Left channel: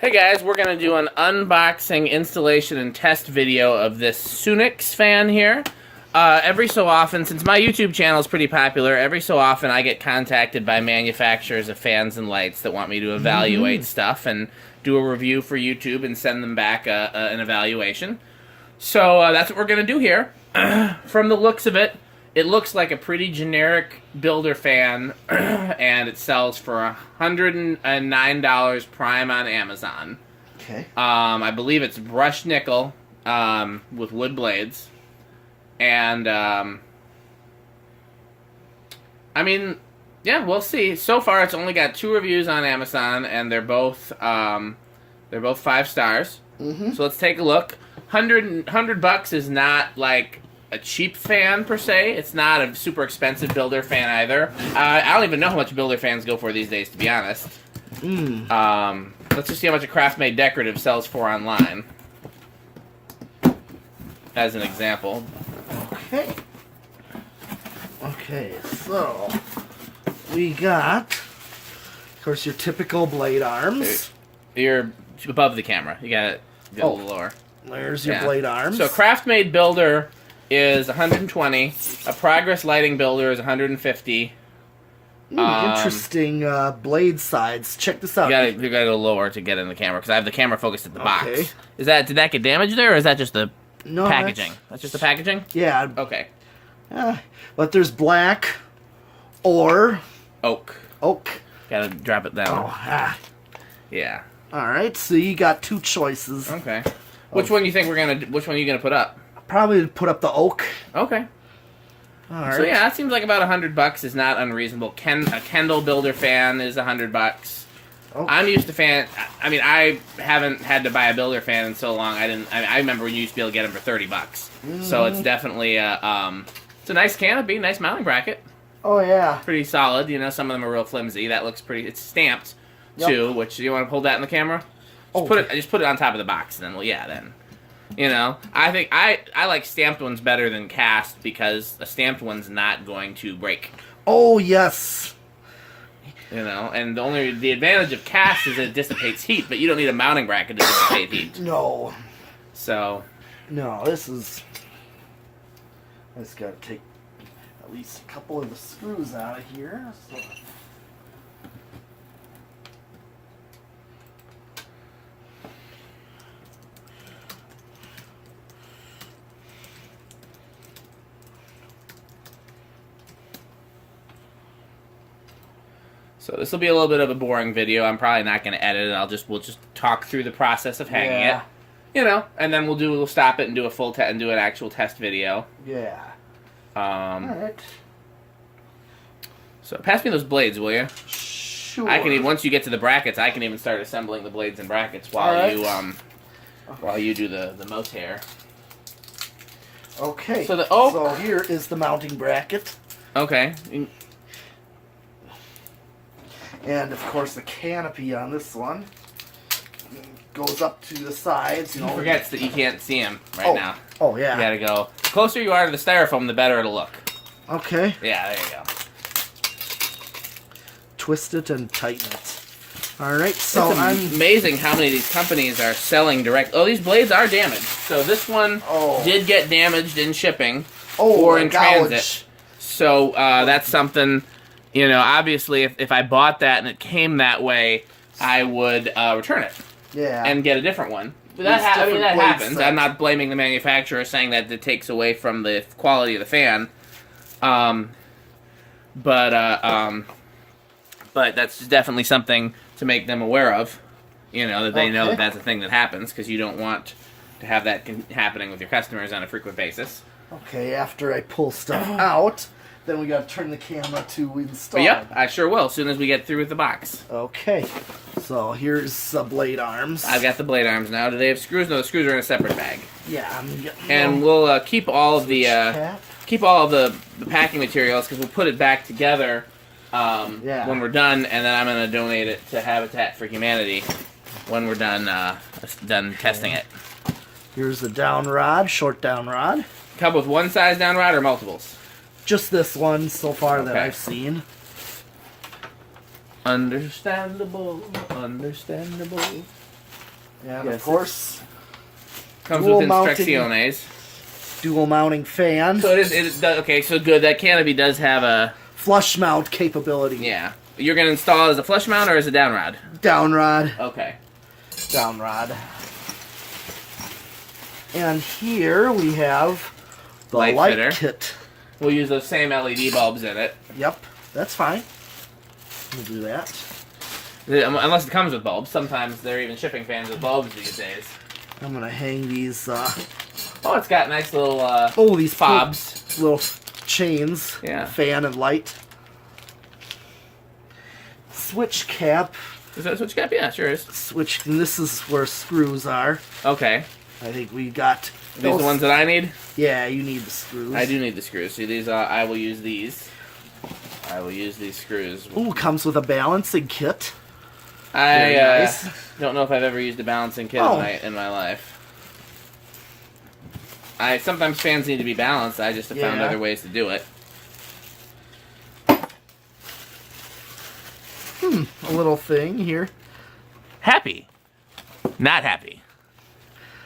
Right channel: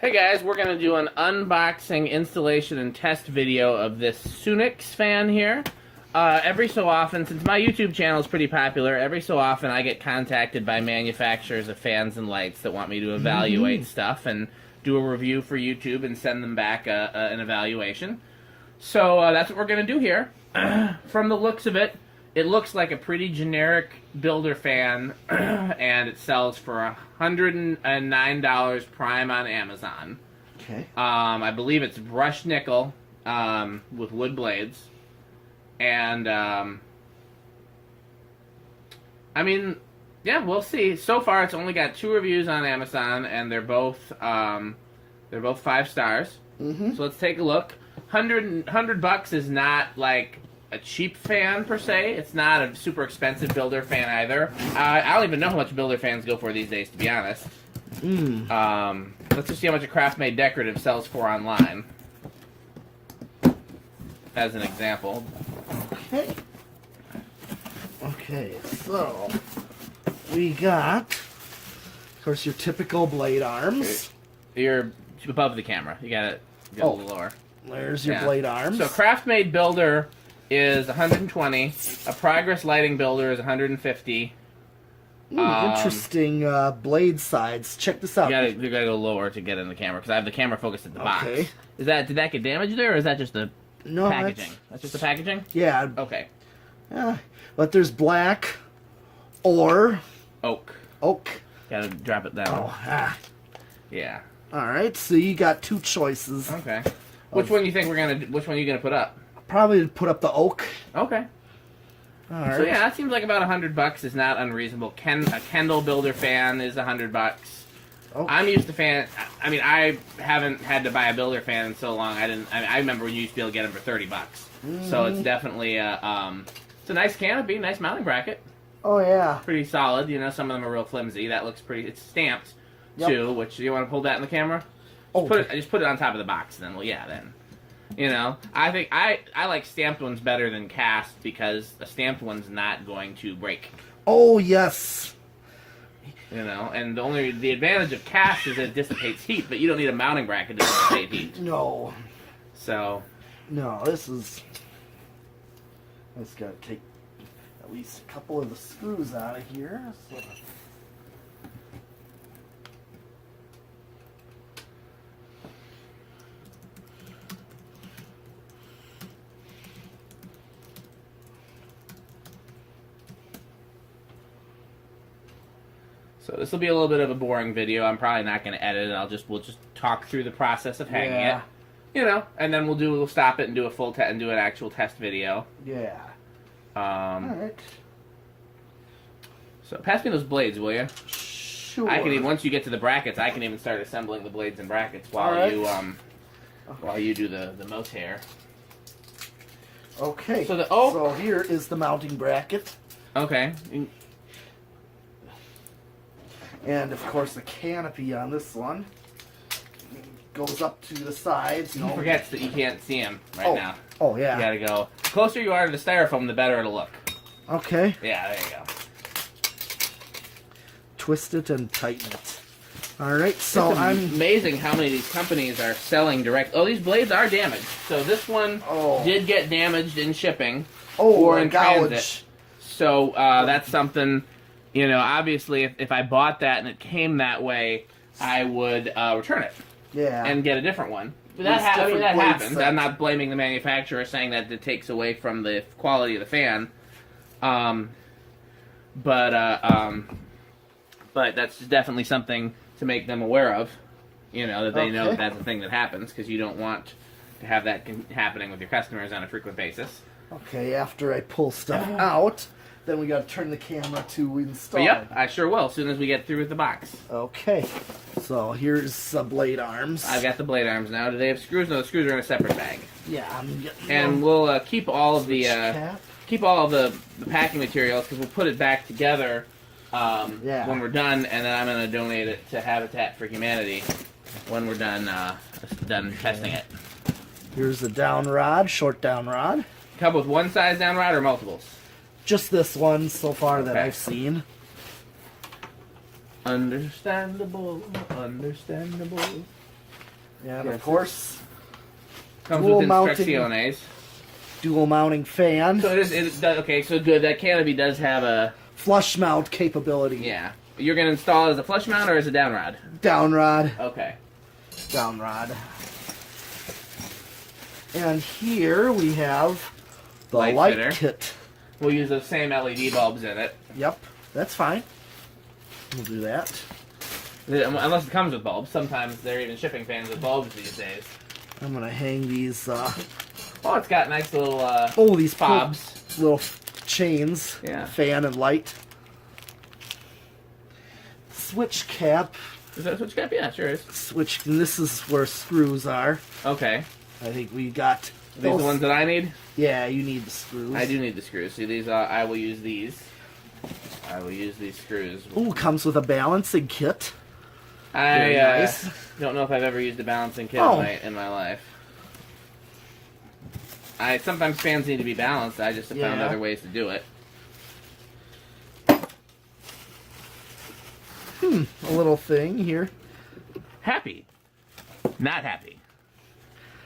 Hey guys, we're going to do an unboxing, installation, and test video of this Sunix fan here. Every so often, since my YouTube channel is pretty popular, every so often I get contacted by manufacturers of fans and lights that want me to evaluate stuff and do a review for YouTube and send them back an evaluation. So that's what we're going to do here. From the looks of it, it looks like a pretty generic builder fan, and it sells for $109 prime on Amazon. Okay. I believe it's brushed nickel with wood blades. And, I mean, yeah, we'll see. So far, it's only got 2 reviews on Amazon, and they're both 5 stars. Mm-hmm. So let's take a look. $100 is not, like, a cheap fan, per se. It's not a super expensive builder fan, either. I don't even know how much builder fans go for these days, to be honest. Let's just see how much a craft-made decorative sells for online. As an example. Okay. Okay, so we got, of course, your typical blade arms. You're above the camera. You got it a little lower. There's your blade arms. So craft-made builder is 120. A progress lighting builder is 150. Interesting blade sides. Check this out. You gotta go lower to get in the camera because I have the camera focused at the box. Okay. Did that get damaged there, or is that just the packaging? That's just the packaging? Yeah. Okay. But there's black or Oak. Gotta drop it down. Yeah. All right. So you got 2 choices. Okay. Which one you think Which one are you gonna put up? Probably put up the oak. Okay. All right. So yeah, that seems like about $100 is not unreasonable. A Kendall builder fan is $100. Okay. I'm used to fan. I mean, I haven't had to buy a builder fan in so long. I remember when you used to be able to get them for $30. So it's definitely it's a nice canopy, nice mounting bracket. Oh yeah. Pretty solid. You know, some of them are real flimsy. That looks pretty. It's stamped too. Which you want to hold that in the camera? Just put it on top of the box. And then then. You know, I think I like stamped ones better than cast because a stamped one's not going to break. Oh yes. You know, and the advantage of cast is that it dissipates heat, but you don't need a mounting bracket to dissipate heat. No. So. No, I just got to take at least a couple of the screws out of here. So. So this will be a little bit of a boring video. I'm probably not going to edit it. We'll just talk through the process of hanging it. You know, and then we'll stop it and do a full and do an actual test video. Yeah. All right. So pass me those blades, will you? Sure. Once you get to the brackets, I can even start assembling the blades and brackets while you do the motair. Okay. So so here is the mounting bracket. Okay. And of course the canopy on this one goes up to the sides. You forgets that you can't see him now. Oh yeah. You gotta go. The closer you are to the styrofoam, the better it'll look. Okay. Yeah, there you go. Twist it and tighten it. All right. So it's amazing how many of these companies are selling direct. Oh, these blades are damaged. So this one did get damaged in shipping or in transit. So that's something. You know, obviously, if I bought that and it came that way, I would return it. Yeah. And get a different one. But that happens. I'm not blaming the manufacturer, saying that it takes away from the quality of the fan. But that's definitely something to make them aware of. You know, that they know that that's a thing that happens, because you don't want to have that happening with your customers on a frequent basis. Okay, after I pull stuff out, then we got to turn the camera to install. Yep, I sure will, as soon as we get through with the box. Okay, so here's the blade arms. I've got the blade arms now. Do they have screws? No, the screws are in a separate bag. Yeah. And we'll keep all of the packing materials, because we'll put it back together when we're done, and then I'm going to donate it to Habitat for Humanity when we're done testing it. Here's the downrod, short downrod. Come with one size downrod or multiples? Just this one so far that I've seen. Understandable, understandable. And Yes, of course, comes dual with mounting- instrucciones. dual mounting fan. So it does, okay, so good. That Canopy does have a... Flush mount capability. Yeah. You're going to install it as a flush mount or as a downrod? Downrod. Okay. Downrod. And here we have the light fitter. kit. We'll use those same LED bulbs in it. Yep, that's fine. We'll do that. Unless it comes with bulbs. Sometimes they're even shipping fans with bulbs these days. I'm gonna hang these. Oh, it's got nice little these fobs. little chains. Yeah. Fan and light. Switch cap. Is that a switch cap? Yeah, sure is. Switch. And this is where screws are. Okay. I think we got. These the ones that I need? Yeah, you need the screws. I do need the screws. See, these I will use these. I will use these screws. Ooh, comes with a balancing kit. I nice. don't know if I've ever used a balancing kit in my life. Sometimes fans need to be balanced. I just have found other ways to do it. A little thing here. Happy. Not happy.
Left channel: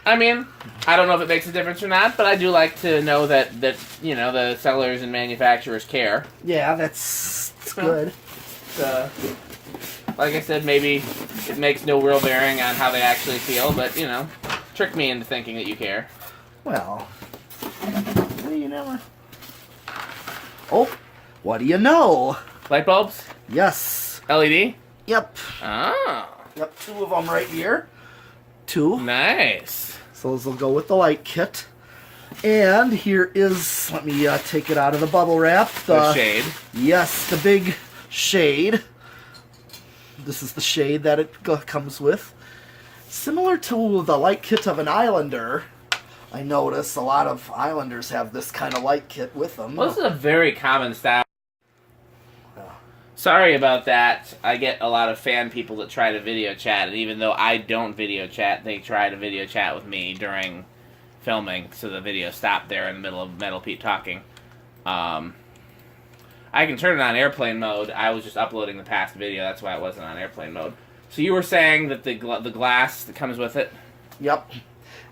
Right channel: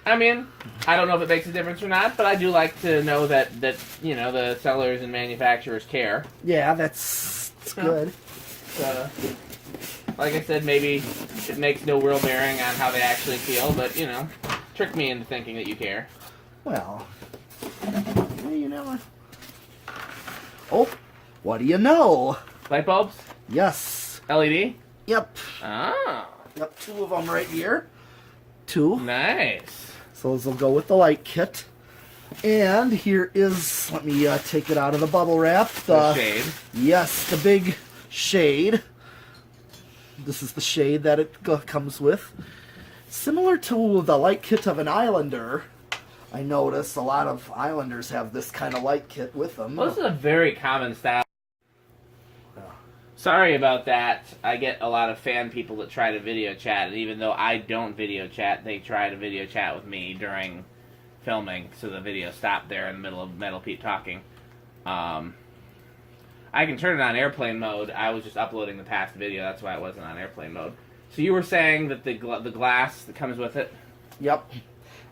I mean, I don't know if it makes a difference or not, but I do like to know that you know, the sellers and manufacturers care. Yeah, that's good. Like I said, maybe it makes no real bearing on how they actually feel, but, you know, trick me into thinking that you care. Well, you never. Oh, what do you know? Light bulbs? Yes. LED? Yep. Oh. Yep, 2 of them right here. 2. Nice. So those will go with the light kit. And here is, let me take it out of the bubble wrap. The shade. Yes, the big shade. This is the shade that it comes with. Similar to the light kit of an Islander. I notice a lot of Islanders have this kind of light kit with them. Well, this is a very common style. Yeah. Sorry about that. I get a lot of fan people that try to video chat, and even though I don't video chat, they try to video chat with me during filming, so the video stopped there in the middle of Metal Pete talking. I can turn it on airplane mode. I was just uploading the past video, that's why it wasn't on airplane mode. So you were saying that the glass that comes with it? Yep.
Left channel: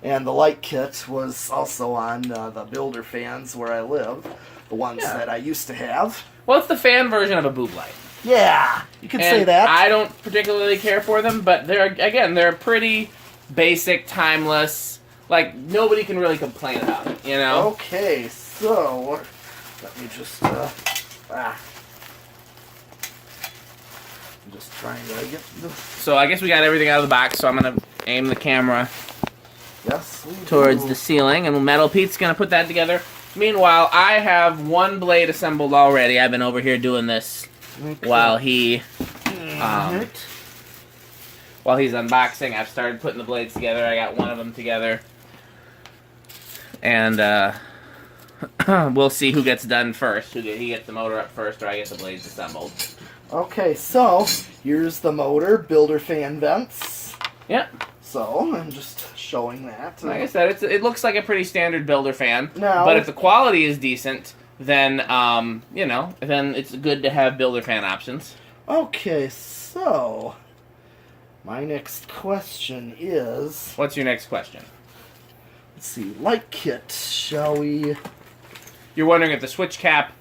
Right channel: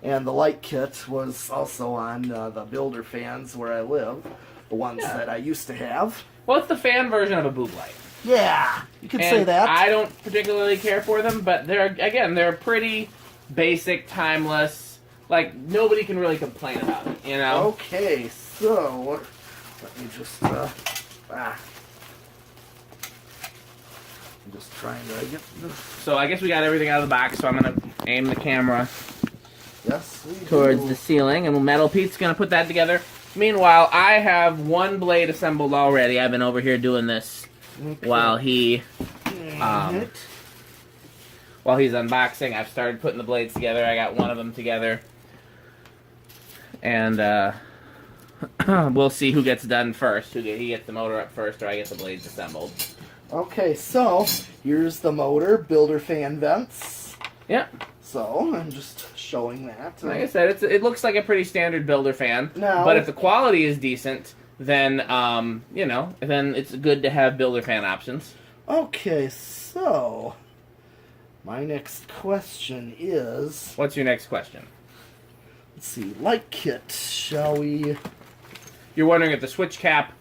And the light kit was also on the builder fans where I live. The ones that I used to have. Well, it's the fan version of a boob light. Yeah, you could say And that. I don't particularly care for them, but they're pretty basic, timeless. Like, nobody can really complain about it, you know? Okay, so let me just I'm just trying to get this. So I guess we got everything out of the box, so I'm going to aim the camera Yes, we towards do. the ceiling, and Metal Pete's going to put that together. Meanwhile, I have one blade assembled already. I've been over here doing this while he's unboxing. I've started putting the blades together. I got one of them together. And we'll see who gets done first. He gets the motor up first, or I get the blades assembled. Okay, so here's the motor, builder fan vents. Yep. So I'm just showing that. Like I said, it looks like a pretty standard builder fan. Now, But if the quality is decent, then you know, then it's good to have builder fan options. okay, so my next question is, What's your next question? let's see, light kit. Shall we? You're wondering if the switch cap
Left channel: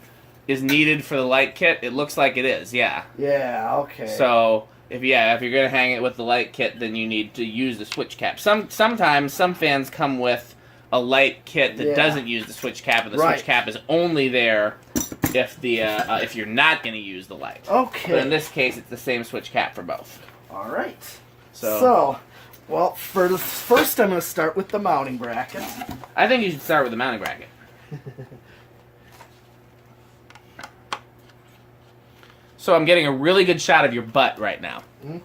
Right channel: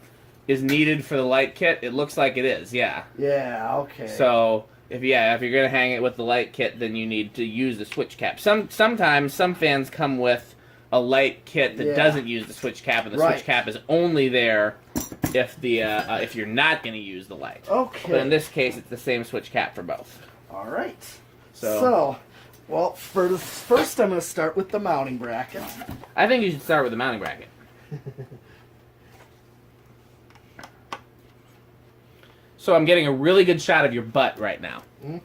is needed for the light kit? It looks like it is, yeah. Yeah. Okay. So if you're gonna hang it with the light kit, then you need to use the switch cap. Sometimes some fans come with a light kit that doesn't use the switch cap, and the switch cap is only there if you're not gonna use the light. Okay. But in this case, it's the same switch cap for both. All right. So Well, first I'm going to start with the mounting bracket. I think you should start with the mounting bracket. So I'm getting a really good shot of your butt right now. Mm-hmm.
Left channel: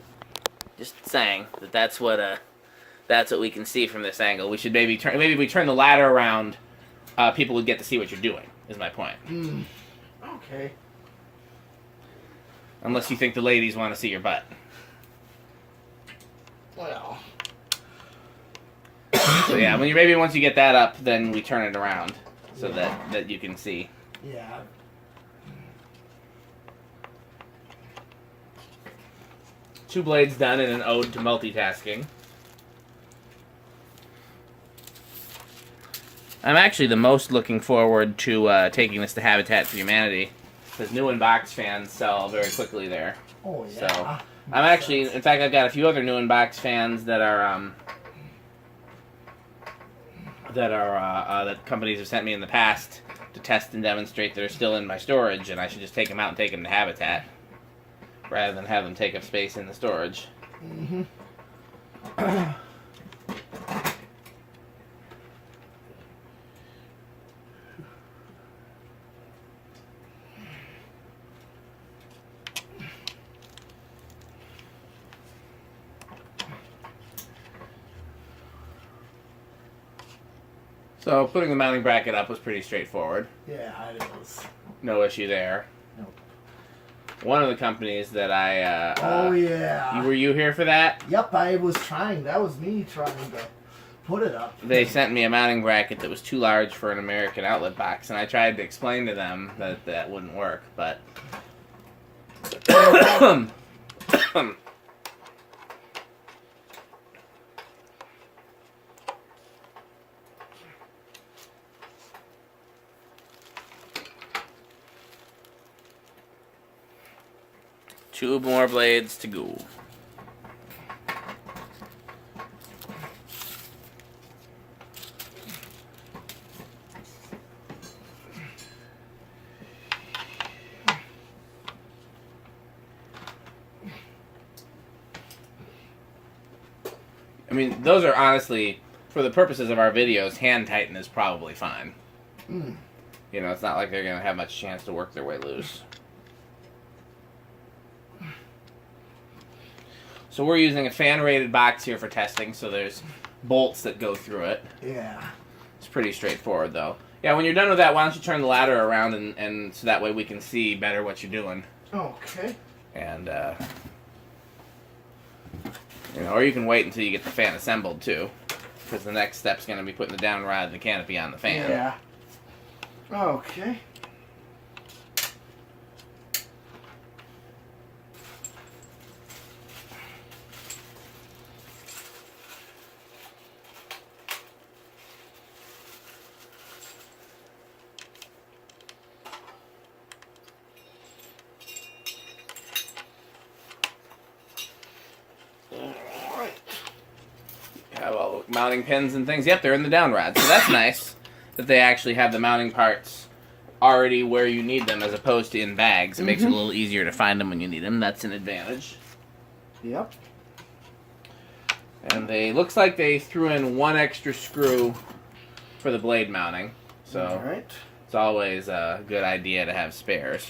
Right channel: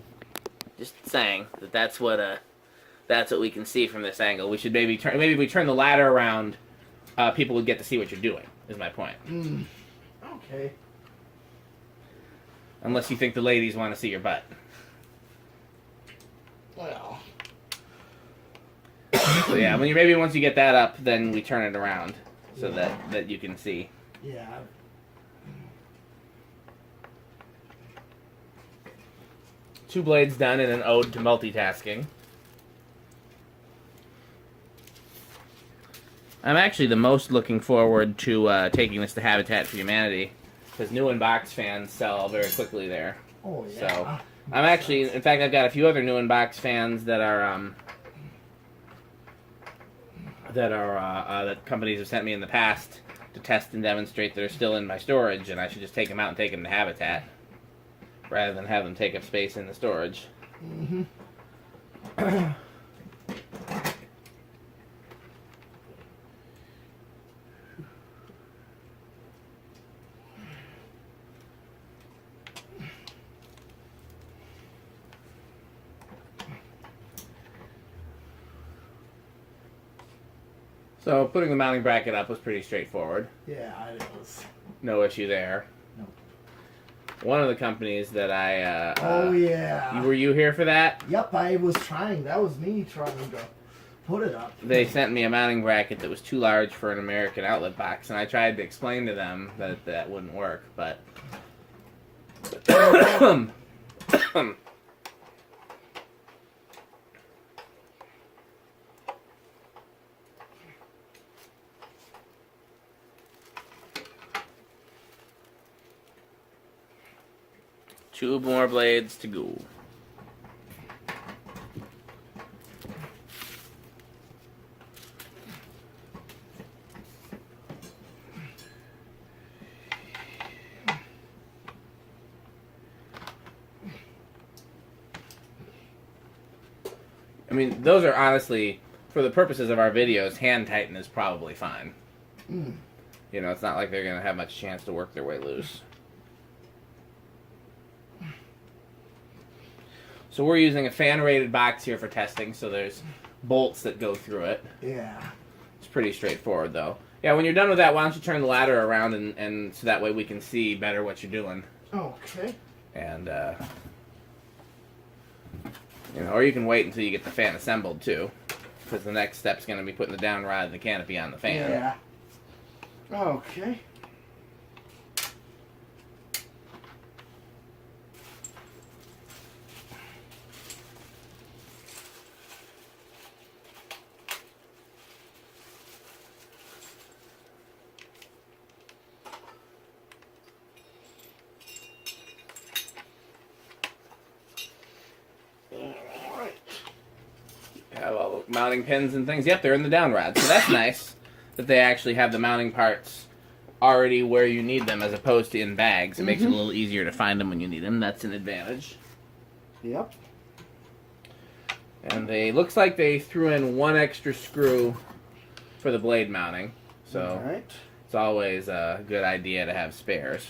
Just saying that's what we can see from this angle. We should maybe if we turn the ladder around, people would get to see what you're doing. Is my point. Okay. Unless you think the ladies want to see your butt. Well. So yeah, once you get that up, then we turn it around so that you can see. Yeah. Two blades done in an ode to multitasking. I'm actually the most looking forward to taking this to Habitat for Humanity, because new in box fans sell very quickly there. Oh yeah. So I'm actually, in fact, I've got a few other new in box fans that are that companies have sent me in the past to test and demonstrate that are still in my storage, and I should just take them out and take them to Habitat rather than have them take up space in the storage. Mm-hmm. So putting the mounting bracket up was pretty straightforward. Yeah, it is. No issue there. Nope. One of the companies that I oh yeah. were you here for that? Yep, I was trying. That was me trying to put it up. They sent me a mounting bracket that was too large for an American outlet box, and I tried to explain to them that that wouldn't work, but two more blades to go. I mean, those are honestly, for the purposes of our videos, hand tighten is probably fine. Mm. You know, it's not like they're going to have much chance to work their way loose. So we're using a fan-rated box here for testing, so there's bolts that go through it. Yeah. It's pretty straightforward, though. Yeah, when you're done with that, why don't you turn the ladder around, and so that way we can see better what you're doing. Okay. And, you know, or you can wait until you get the fan assembled, too. Because the next step's going to be putting the downrod and the canopy on the fan. Yeah. Okay. Have all the mounting pins and things. Yep, they're in the downrod. So that's nice that they actually have the mounting parts already where you need them as opposed to in bags. It makes it a little easier to find them when you need them. That's an advantage. Yep. And they looks like they threw in one extra screw for the blade mounting. So Alright. it's always a good idea to have spares.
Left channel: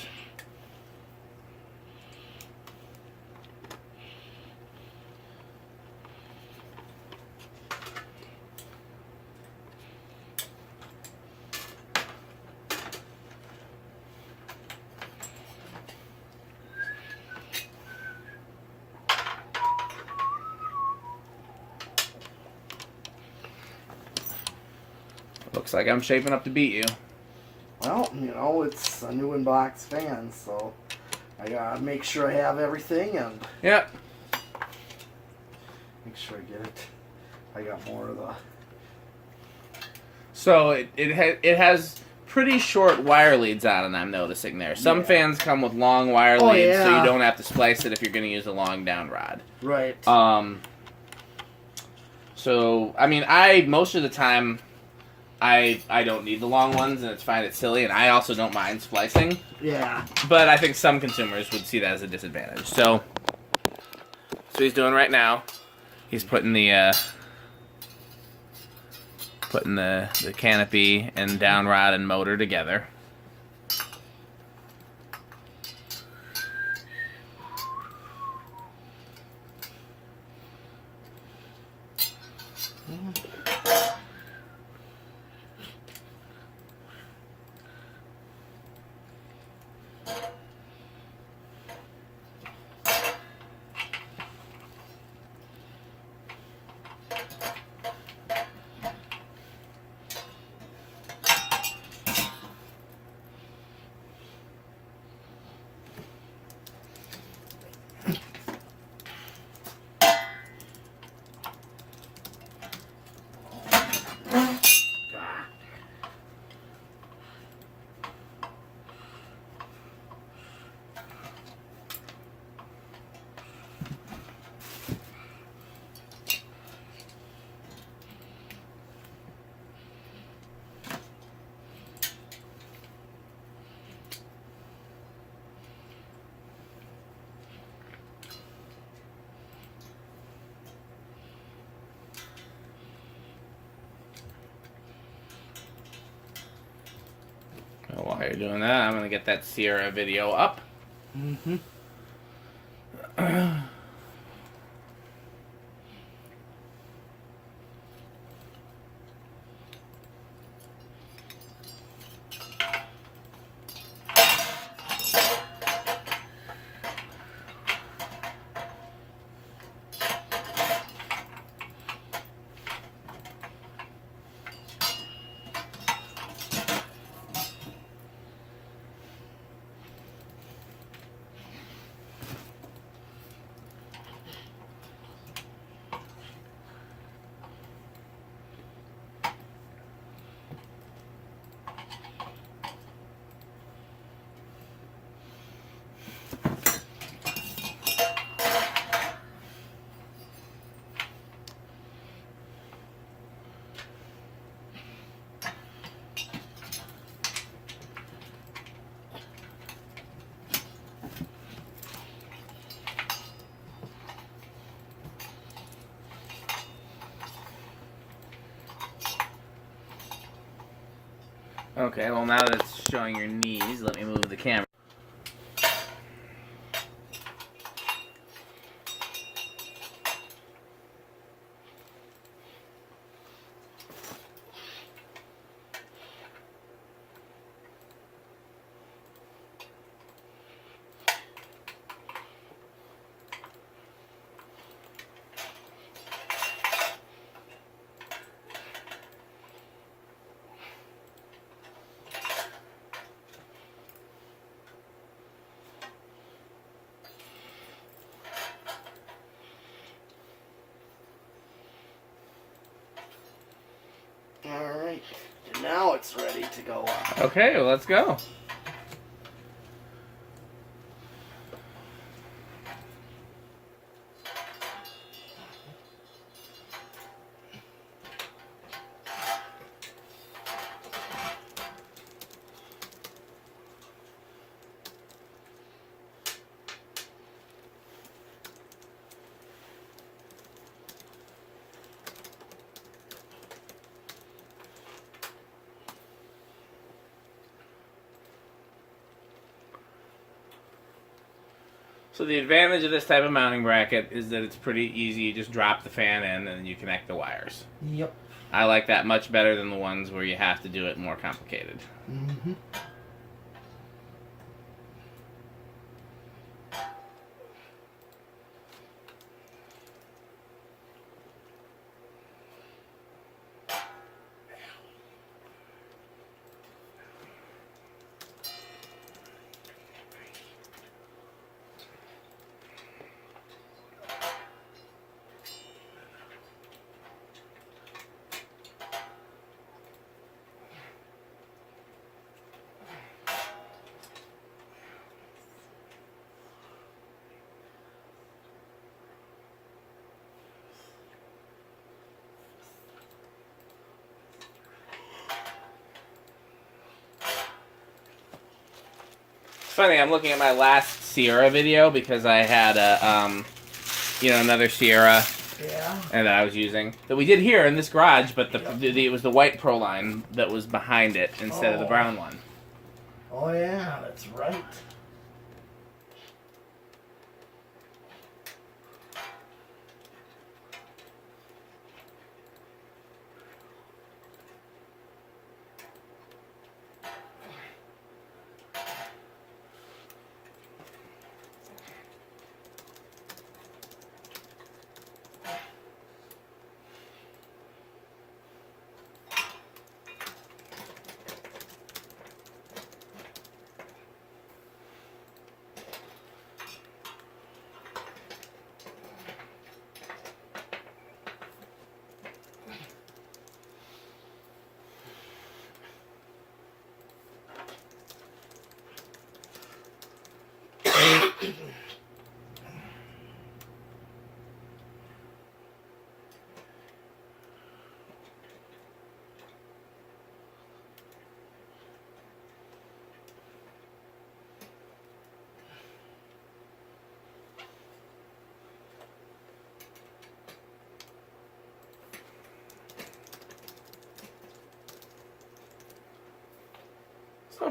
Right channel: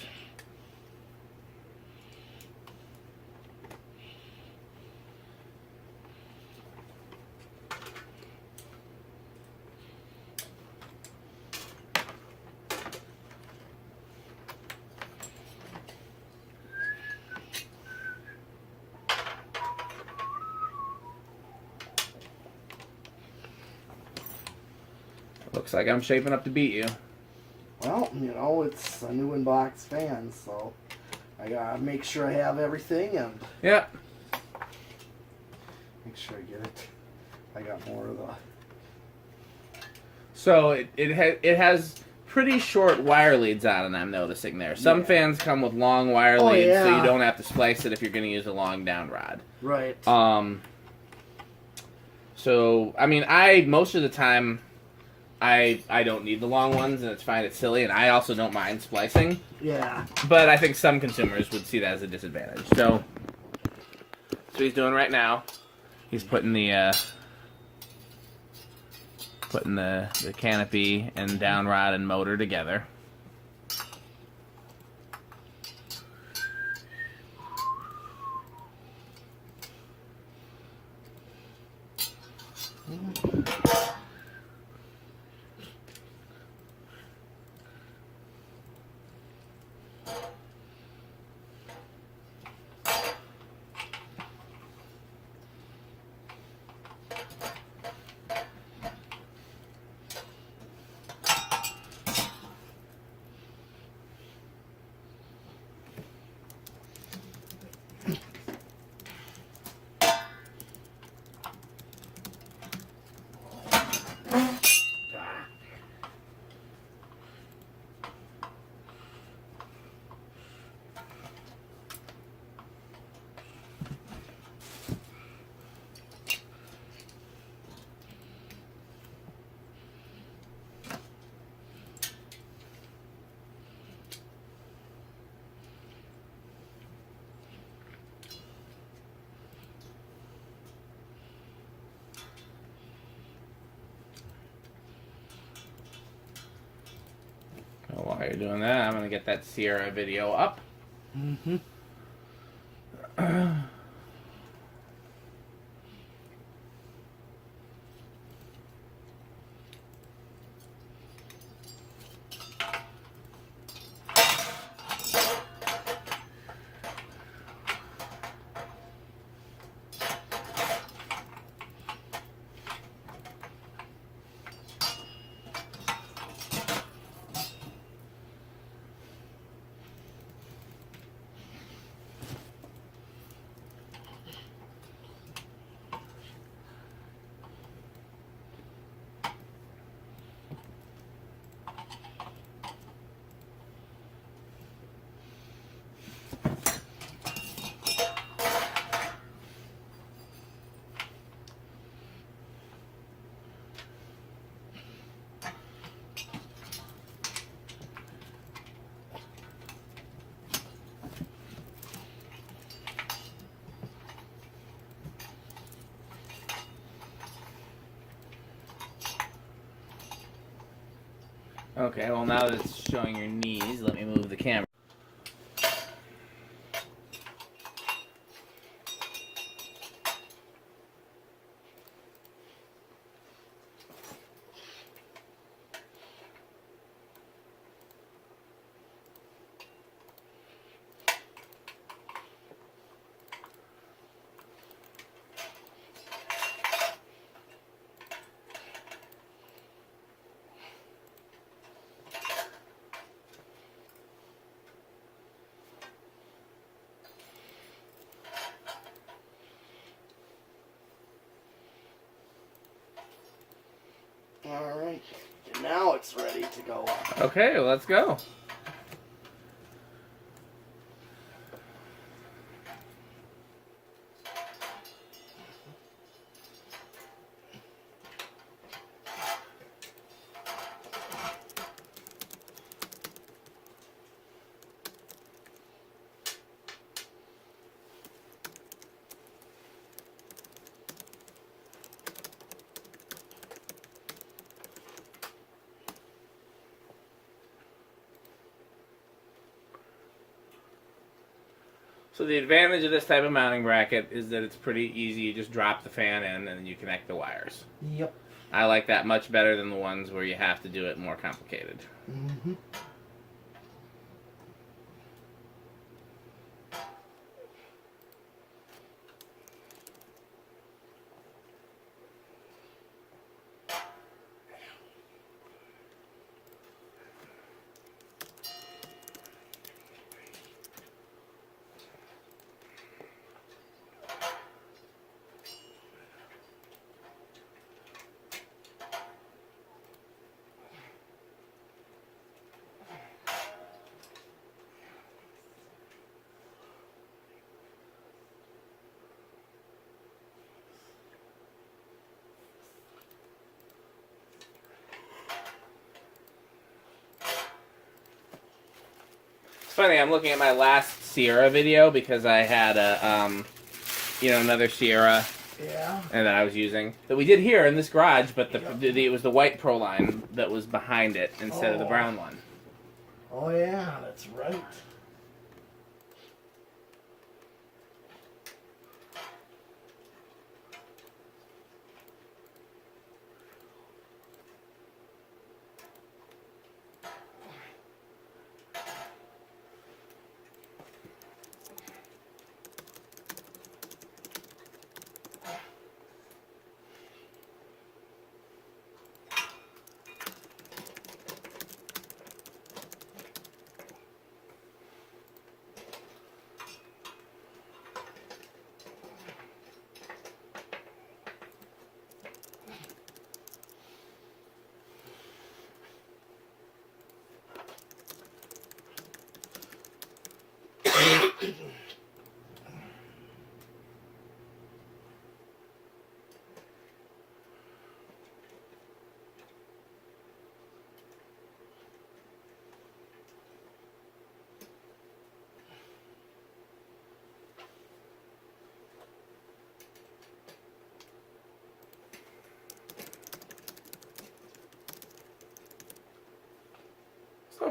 Looks like I'm shaping up to beat you. Well, you know, it's a new in-box fan, so I gotta make sure I have everything and Yep. make sure I get it. I got more of the... So it has pretty short wire leads on it, I'm noticing there. Some fans come with long wire leads, so you don't have to splice it if you're going to use a long downrod. Right. So, I mean, most of the time, I don't need the long ones, and it's fine, it's silly, and I also don't mind splicing. Yeah. But I think some consumers would see that as a disadvantage. So, that's what he's doing right now. He's putting the canopy and downrod and motor together. you're doing that, I'm going to get that Sierra video up. Mm-hmm. Okay, well now that it's showing your knees, let me move the camera. All right, and now it's ready to go up. Okay, well, let's go. So the advantage of this type of mounting bracket is that it's pretty easy. You just drop the fan in and you connect the wires. Yep. I like that much better than the ones where you have to do it more complicated. Mm-hmm. It's funny, I'm looking at my last Sierra video because I had a, another Sierra Yeah. and that I was using that we did here in this garage, but it was the white Proline that was behind it instead of the brown one. Oh yeah, that's right.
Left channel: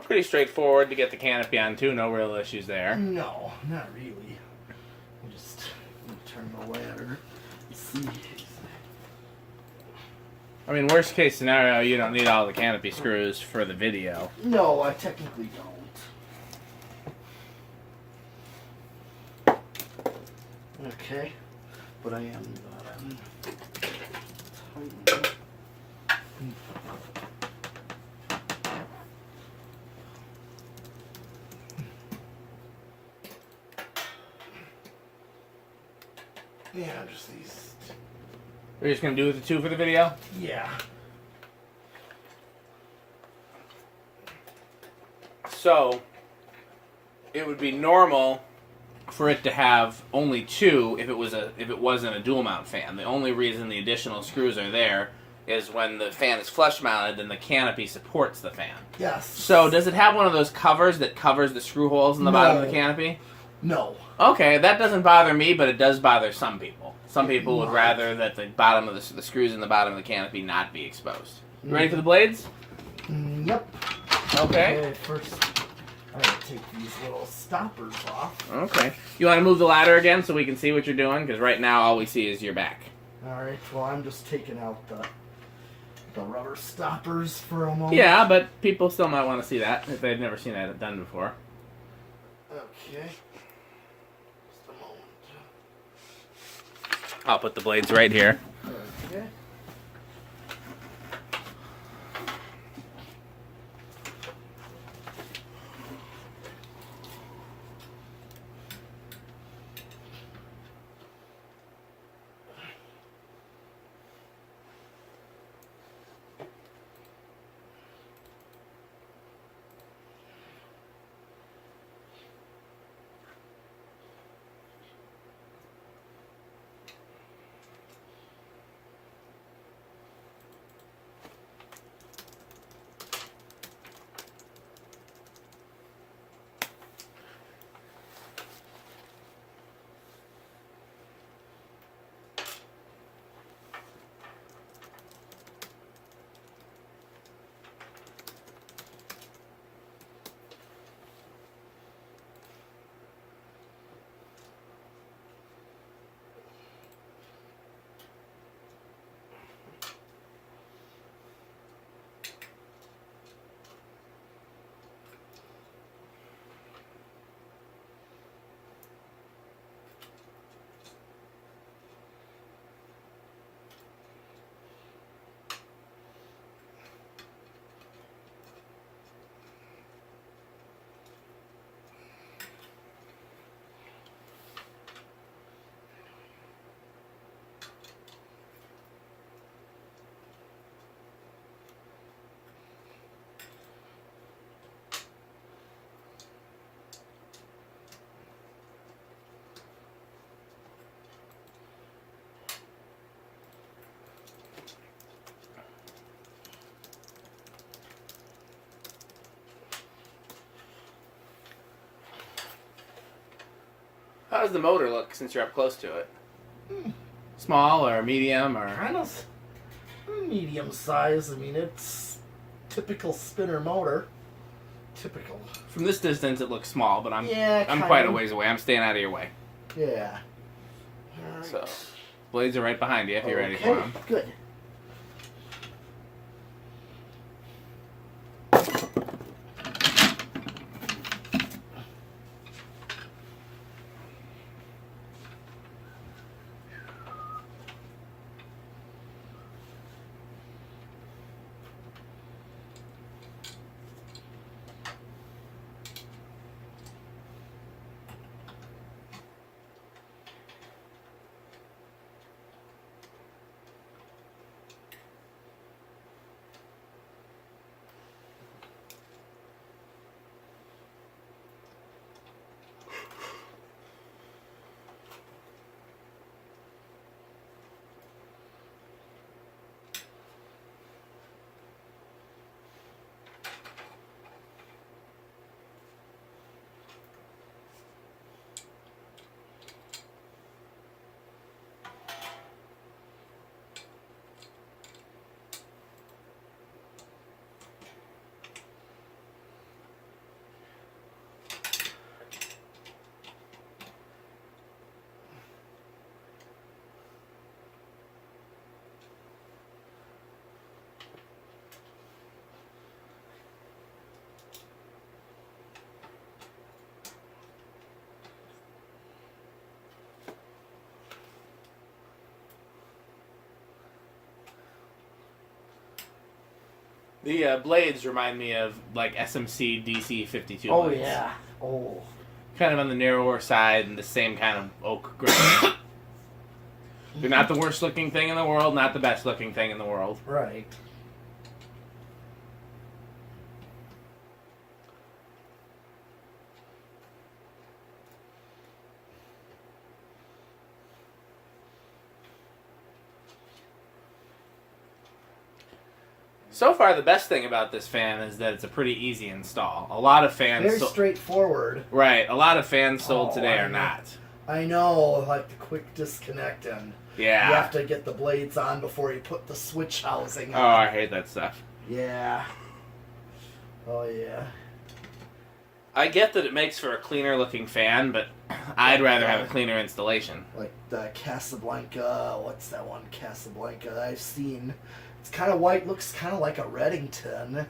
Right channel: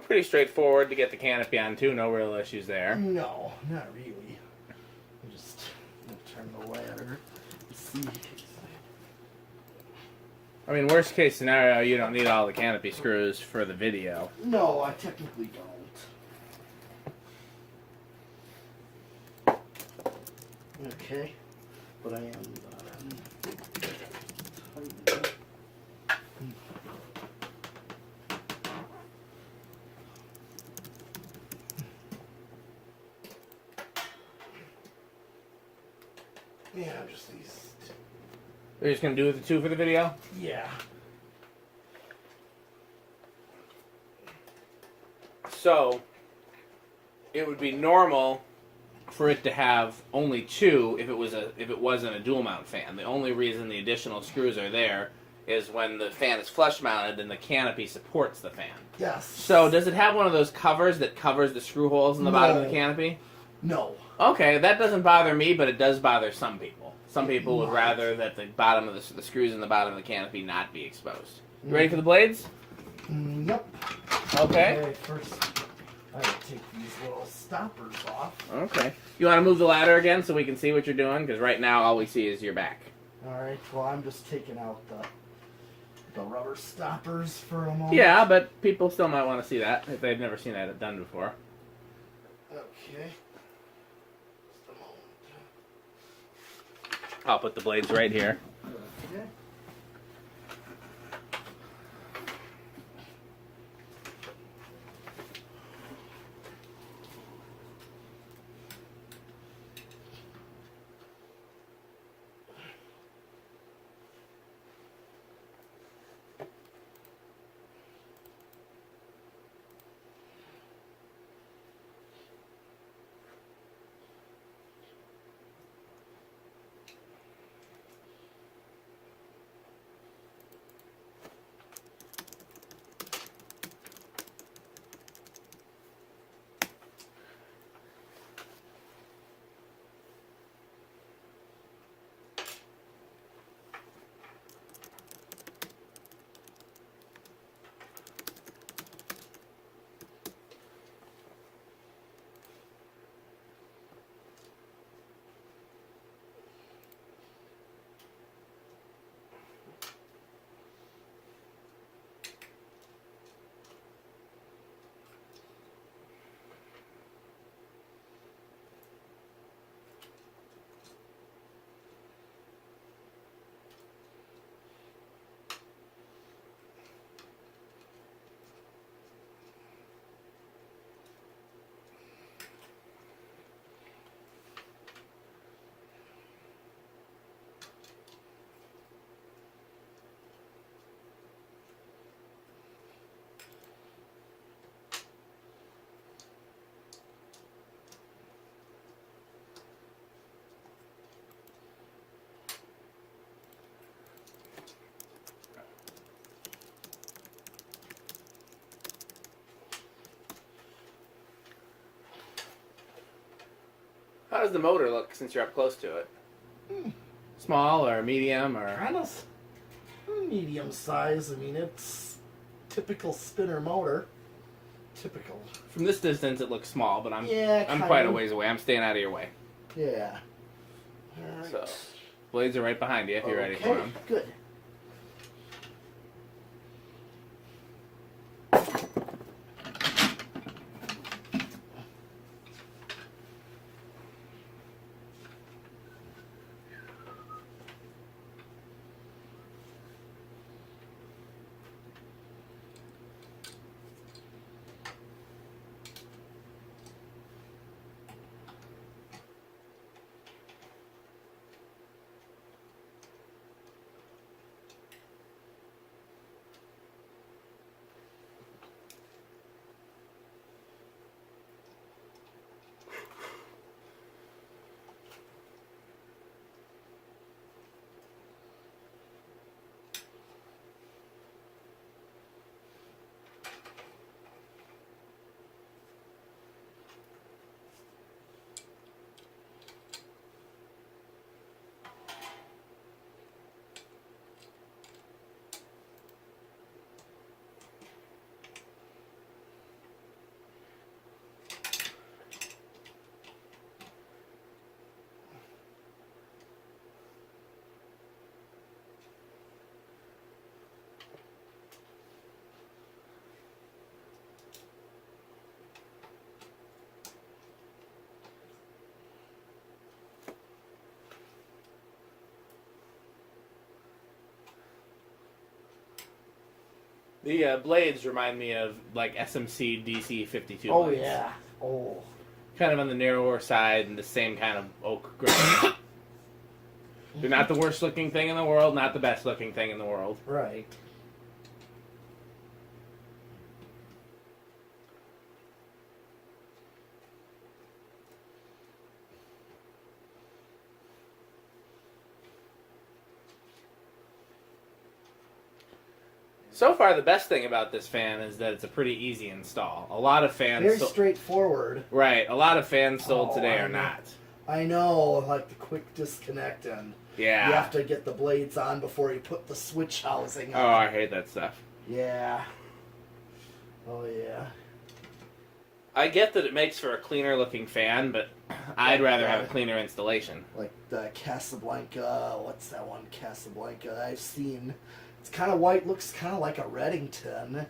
pretty straightforward to get the canopy on too. No real issues there. No, not really. I'm just gonna turn the ladder. See. I mean, worst case scenario, you don't need all the canopy screws for the video. No, I technically don't. Okay, but I am tighten up. Yeah, just these. We're just gonna do the two for the video? Yeah. So, it would be normal for it to have only two if it wasn't a dual mount fan. The only reason the additional screws are there is when the fan is flush mounted and the canopy supports the fan. Yes. So does it have one of those covers that covers the screw holes in the bottom of the canopy? No. Okay, that doesn't bother me, but it does bother some people. Some people would rather that the bottom of the screws in the bottom of the canopy not be exposed. You ready for the blades? Yep. Okay. First, I gotta take these little stoppers off. Okay. You want to move the ladder again so we can see what you're doing? Because right now all we see is your back. Alright, well I'm just taking out the rubber stoppers for a moment. Yeah, but people still might want to see that if they've never seen that done before. Okay. Just a moment. I'll put the blades right here. Okay. How does the motor look since you're up close to it? Small or medium or? Kind of medium size. I mean, it's typical spinner motor. Typical. From this distance, it looks small, but I'm kind quite a of. ways away. I'm staying out of your way. Yeah. All right. So, blades are right behind you if you're ready for Okay, them. good. The blades remind me of like SMC DC 52 Oh blades. yeah. Oh. Kind of on the narrower side and the same kind of oak grain. They're not the worst looking thing in the world, not the best looking thing in the world. Right. So far, the best thing about this fan is that it's a pretty easy install. A lot of fans... Very straightforward. Right. A lot of fans sold today I are know. not. I know, like the quick disconnect and Yeah. you have to get the blades on before you put the switch housing Oh, on. I hate that stuff. Yeah. Oh, yeah. I get that it makes for a cleaner looking fan, but I'd rather have a cleaner installation. Like the Casablanca, what's that one? Casablanca I've seen. It's kind of white, looks kind of like a Reddington.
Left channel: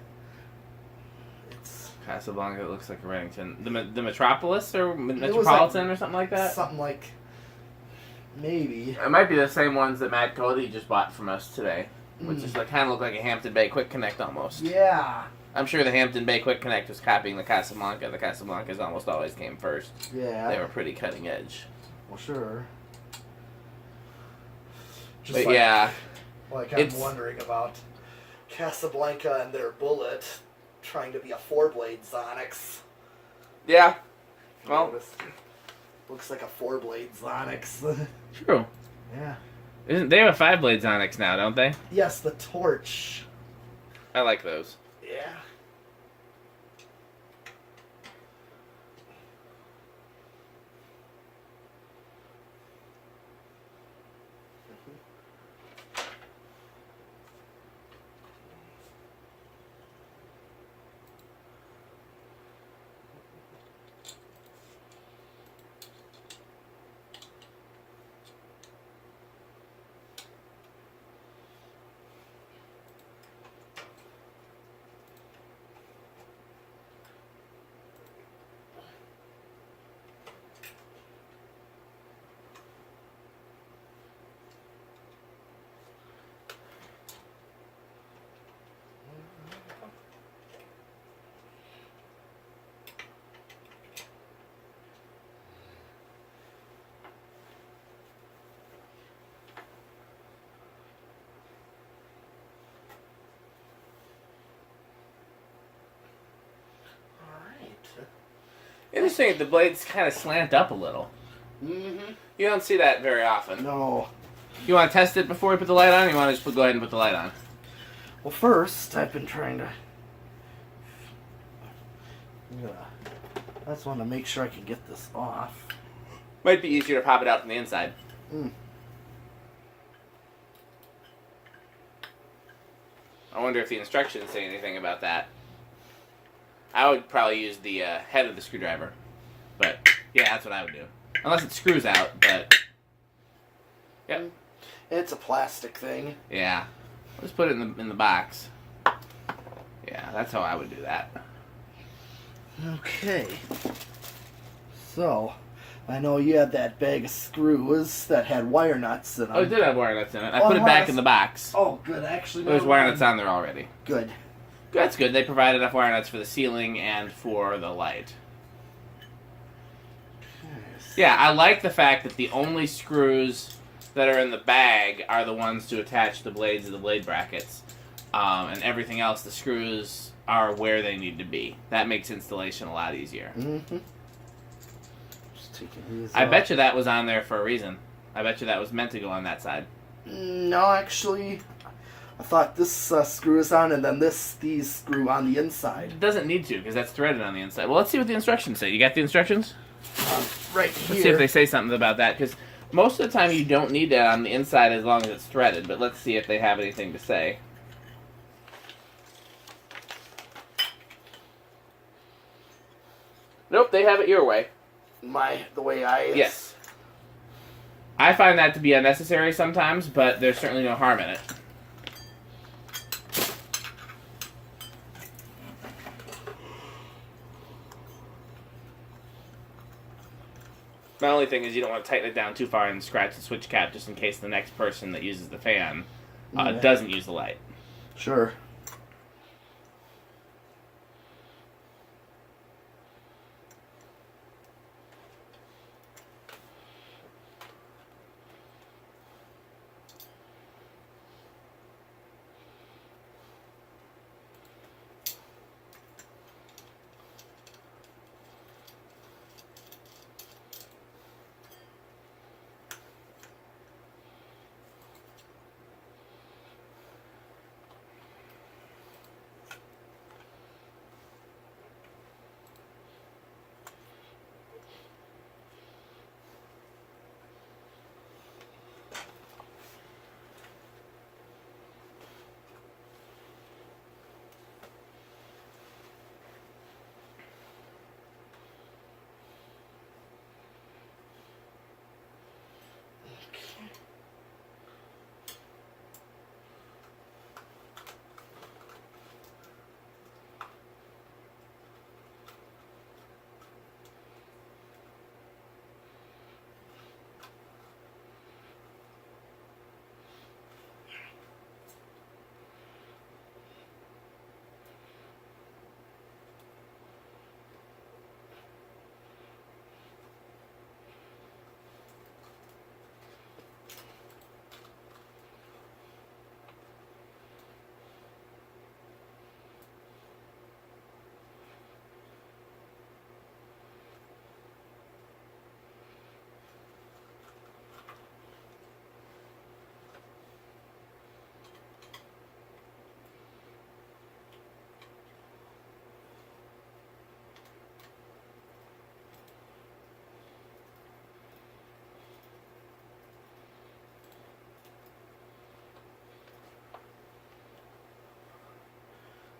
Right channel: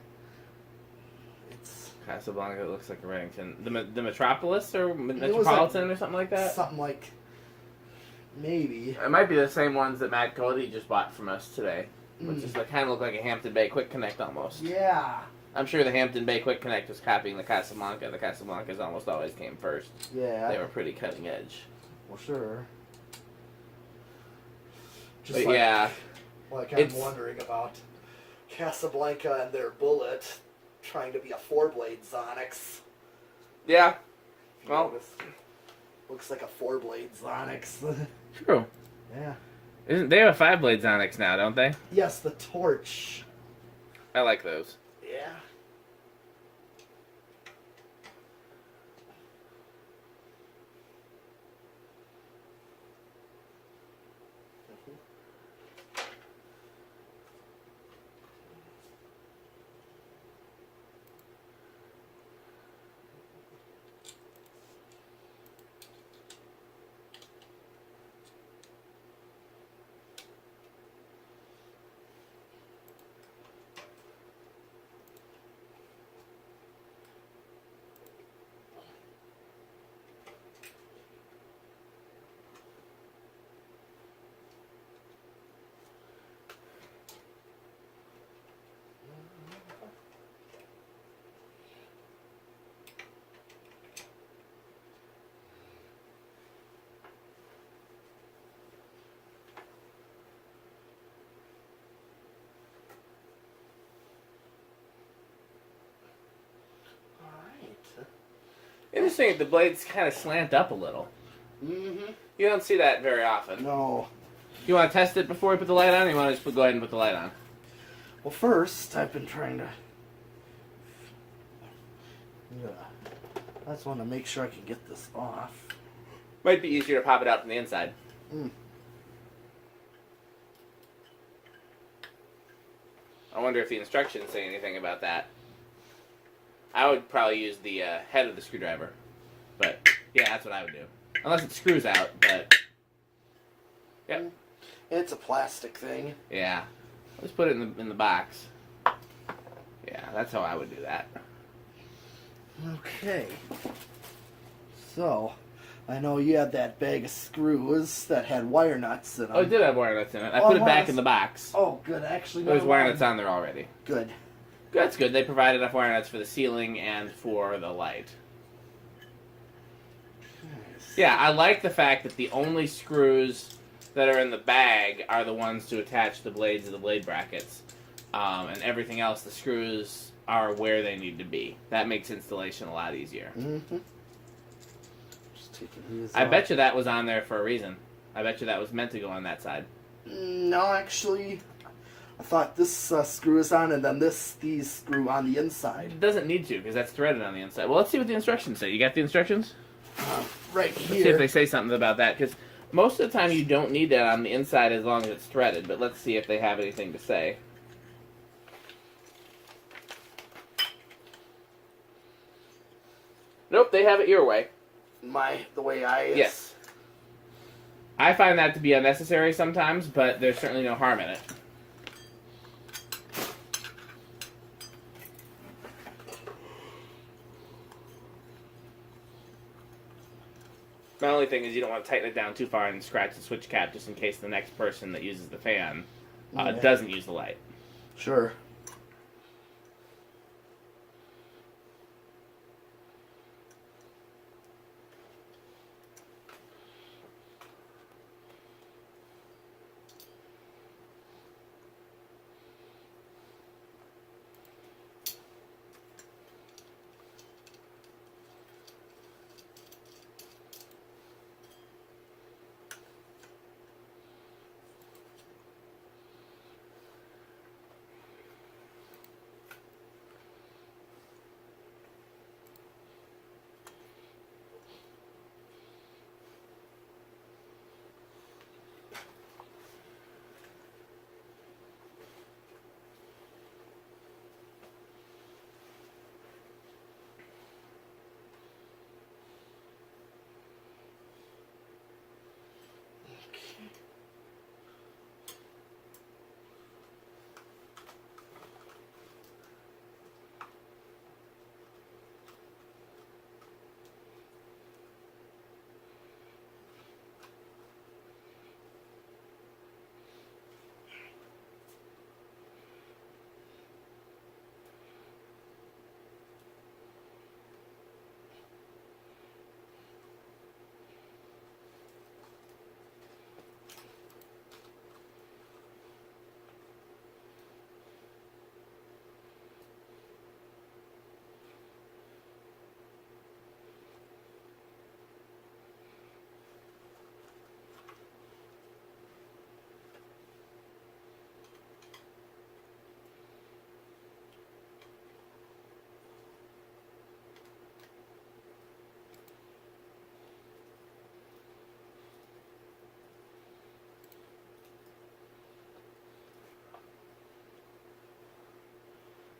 It's Casablanca looks like a Reddington. The Metropolis or was Metropolitan like or something like that? something like, maybe. It might be the same ones that Matt Cody just bought from us today. Which is like, kind of look like a Hampton Bay Quick Connect almost. Yeah. I'm sure the Hampton Bay Quick Connect was copying the Casablanca. The Casablancas almost always came first. Yeah. They were pretty cutting edge. Well, sure. Just But like, yeah, like I'm it's- wondering about Casablanca and their Bullet trying to be a 4-blade Sunix. yeah, You well, know, this looks like a 4-blade Sunix. true. Yeah. Isn't they have a 5-blade Onyx now, don't they? Yes, the torch. I like those. Yeah. Interesting that the blades kind of slant up a little. Mm-hmm. You don't see that very often. No. You want to test it before we put the light on, or you want to just go ahead and put the light on? Well, first, I've been trying to... Yeah. I just want to make sure I can get this off. Might be easier to pop it out from the inside. Mm. I wonder if the instructions say anything about that. I would probably use the head of the screwdriver. But, yeah, that's what I would do. Unless it screws out, but... Yep. It's a plastic thing. Yeah. Let's put it in the box. Yeah, that's how I would do that. Okay. So, I know you had that bag of screws that had wire nuts in them. Oh, it did have wire nuts in it. I Oh, put it wow, back that's- in the box. Oh, good. Actually, There's never wire mind. nuts on there already. Good. That's good. They provide enough wire nuts for the ceiling and for the light. Yeah, I like the fact that the only screws that are in the bag are the ones to attach the blades of the blade brackets. And everything else, the screws are where they need to be. That makes installation a lot easier. Mm-hmm. Just taking these I off. bet you that was on there for a reason. I bet you that was meant to go on that side. No, actually, I thought this screw is on, and then these screw on the inside. It doesn't need to, because that's threaded on the inside. Well, let's see what the instructions say. You got the instructions? Right Let's see if here. they say something about that, because most of the time you don't need that on the inside as long as it's threaded, but let's see if they have anything to say. Nope, they have it your way. The way I... Yes. I find that to be unnecessary sometimes, but there's certainly no harm in it. My only thing is you don't want to tighten it down too far and scratch the switch cap just in case the next person that uses the fan Yeah. doesn't use the light. Sure.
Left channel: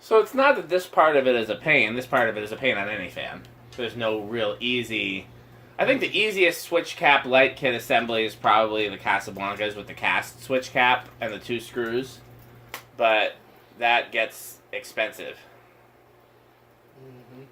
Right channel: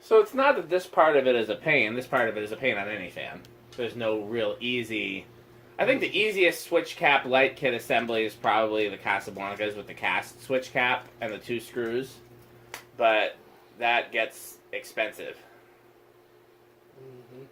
So it's not that this part of it is a pain. This part of it is a pain on any fan. There's no real easy... I think the easiest switch cap light kit assembly is probably the Casablancas with the cast switch cap and the 2 screws. But that gets expensive. Mm-hmm.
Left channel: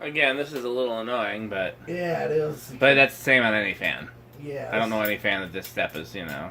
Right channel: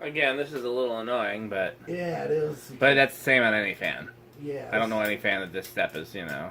Again, this is a little annoying, but... Yeah, it is. But that's the same on any fan. Yeah. I don't know any fan that this step is, you know...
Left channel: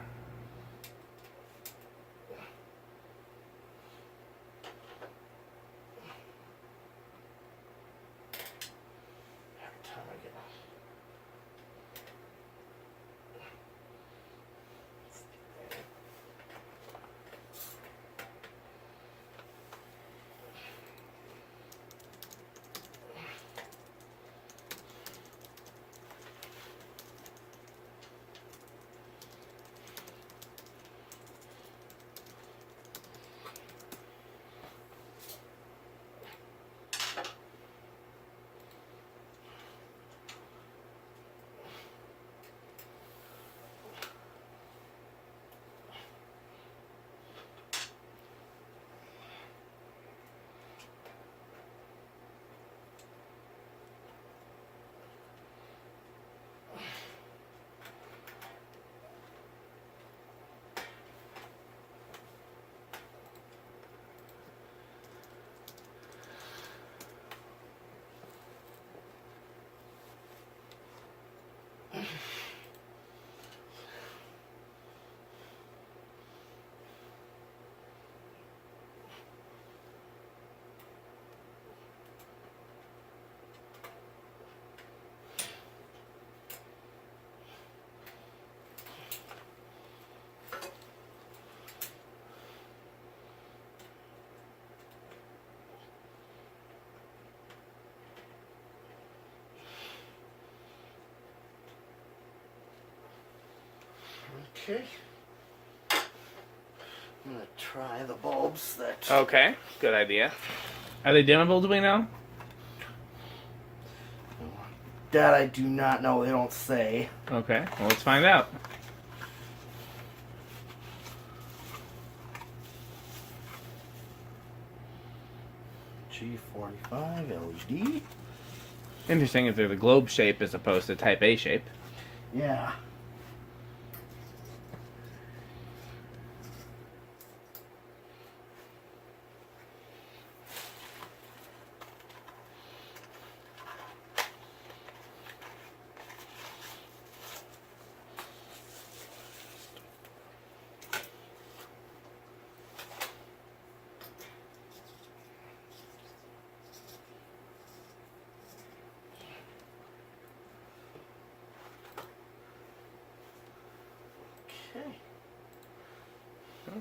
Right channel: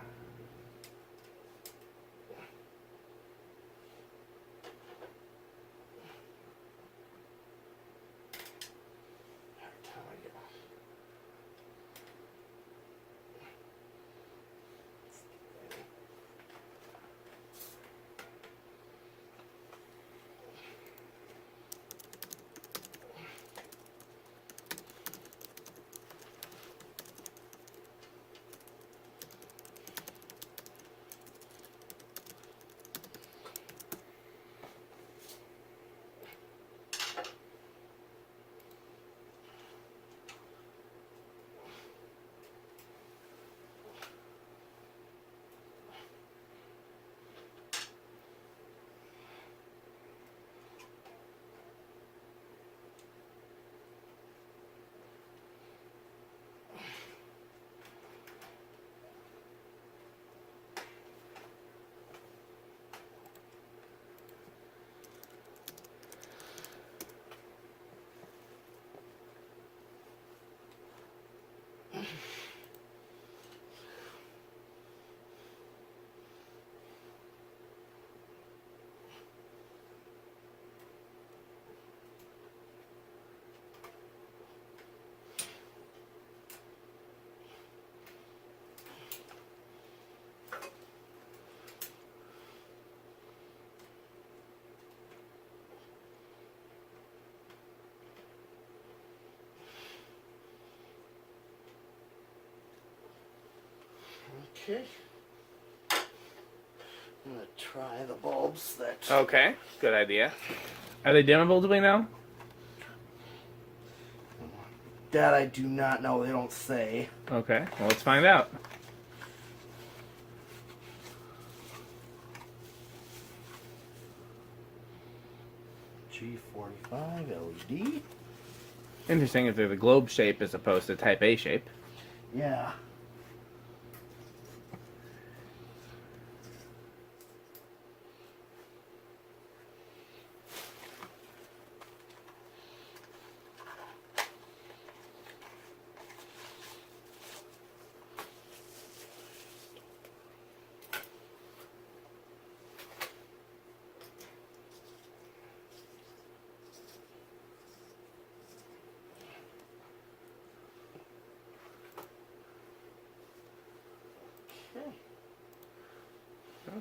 Okay. I'm gonna try the bulbs that... Okay, good idea. Are they dimmable, do we know? That I do not know. They don't say. Okay, well, let's find out. G45 LED. Interesting if they're the globe shape as opposed to type A shape. Yeah.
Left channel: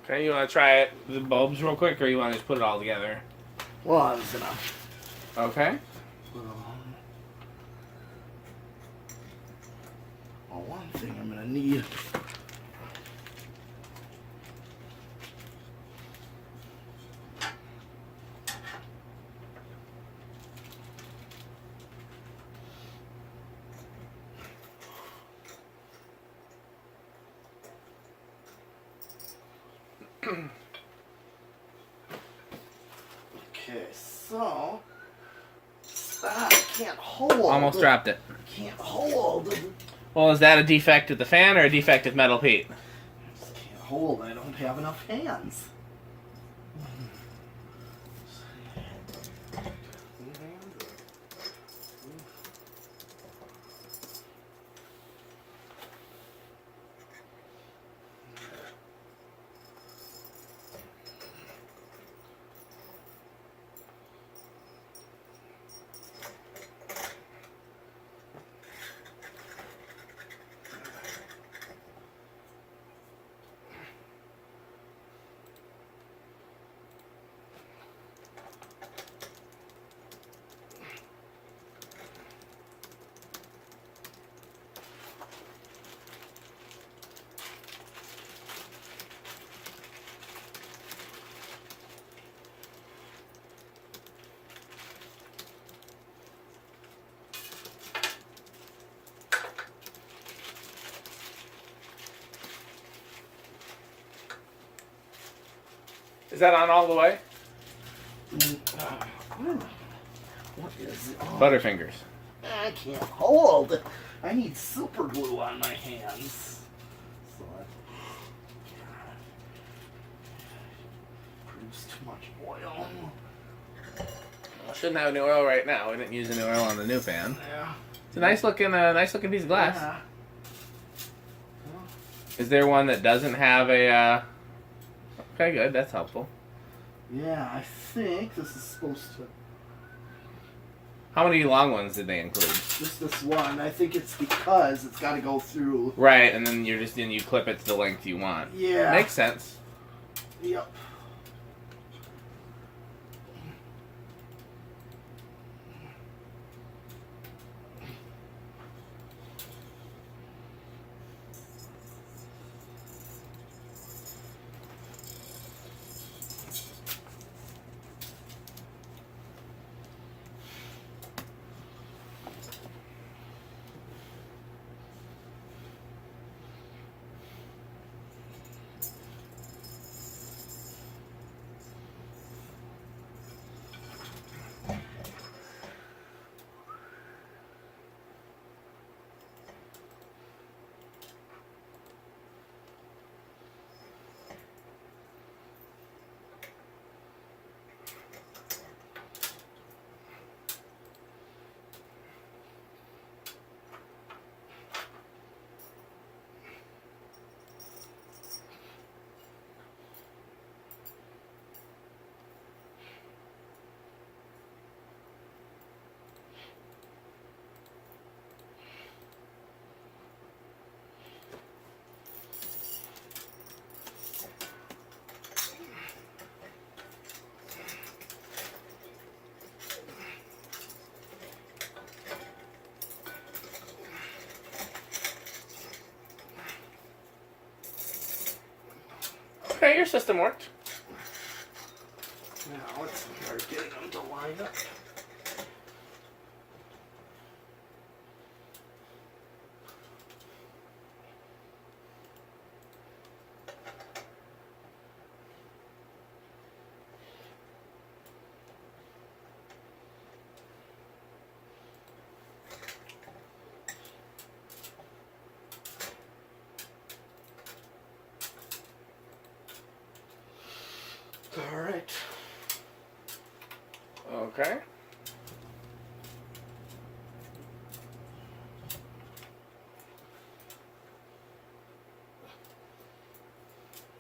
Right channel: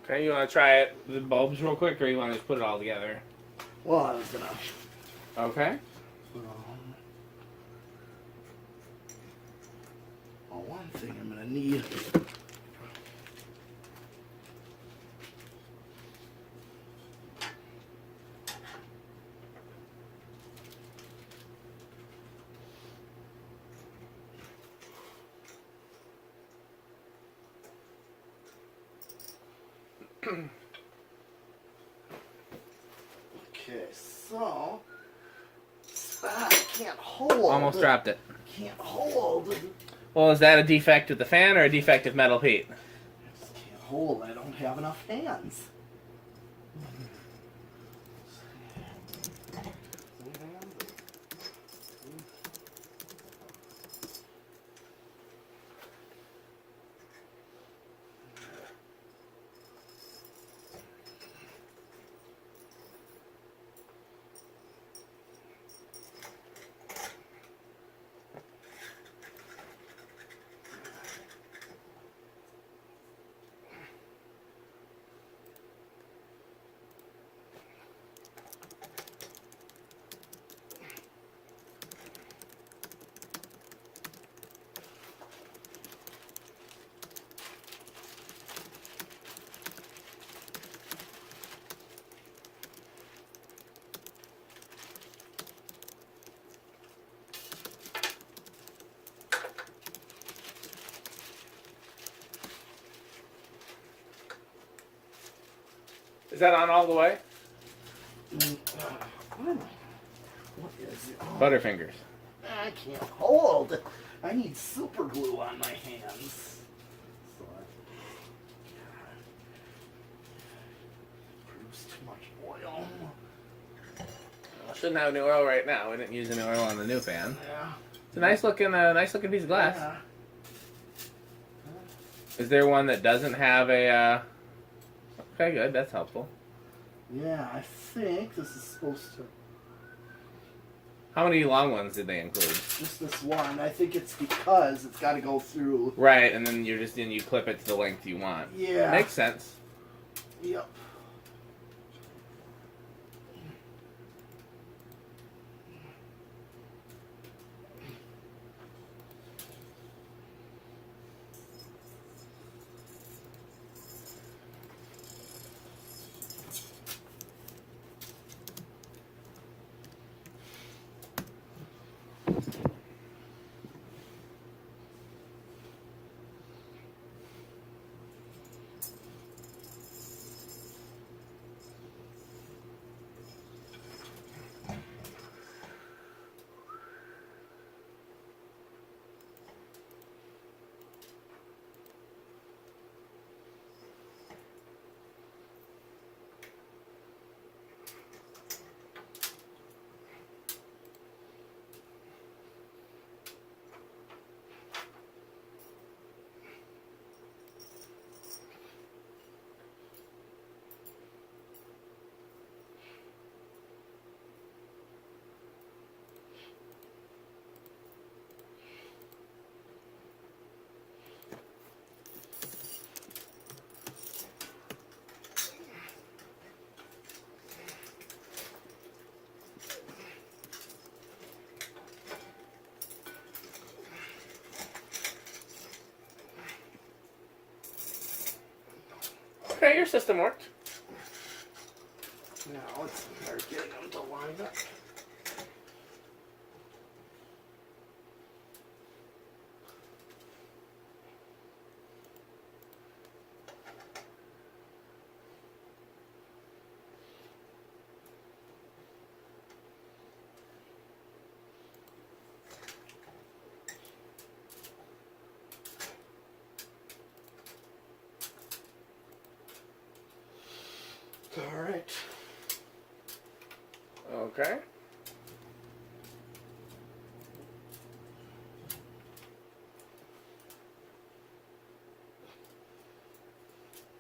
Okay, you want to try it, the bulbs real quick, or you want to just put it all together? Well, I was gonna... Okay. Well, one thing I'm gonna need... Okay, so... I can't hold... Almost dropped it. Can't hold... Well, is that a defect with the fan or a defect with metal Pete? I just can't hold. I don't have enough hands. that on all the way? What is it? Oh, Butterfingers. I can't hold. I need super glue on my hands. So that proves too much oil. I shouldn't have any oil right now. We didn't use any oil on the new fan. Yeah. It's a nice looking piece of glass. Yeah. Is there one that doesn't have a? Okay, good. That's helpful. Yeah, I think this is supposed to. How many long ones did they include? Just this one. I think it's because it's got to go through. Right, and then you clip it to the length you want. Yeah. Makes sense. Yep. Okay, your system worked. Now let's start getting them to line up. All right. Okay.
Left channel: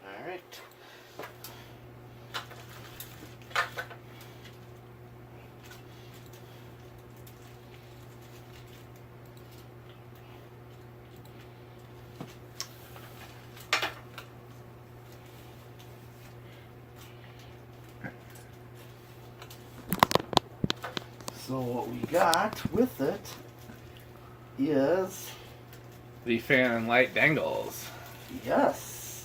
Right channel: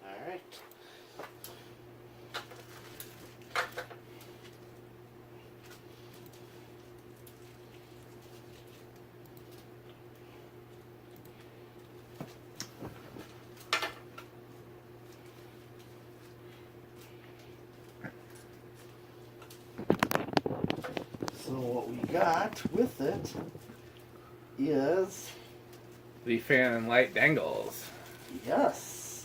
All right. So what we got with it is, The fan and light dangles. yes,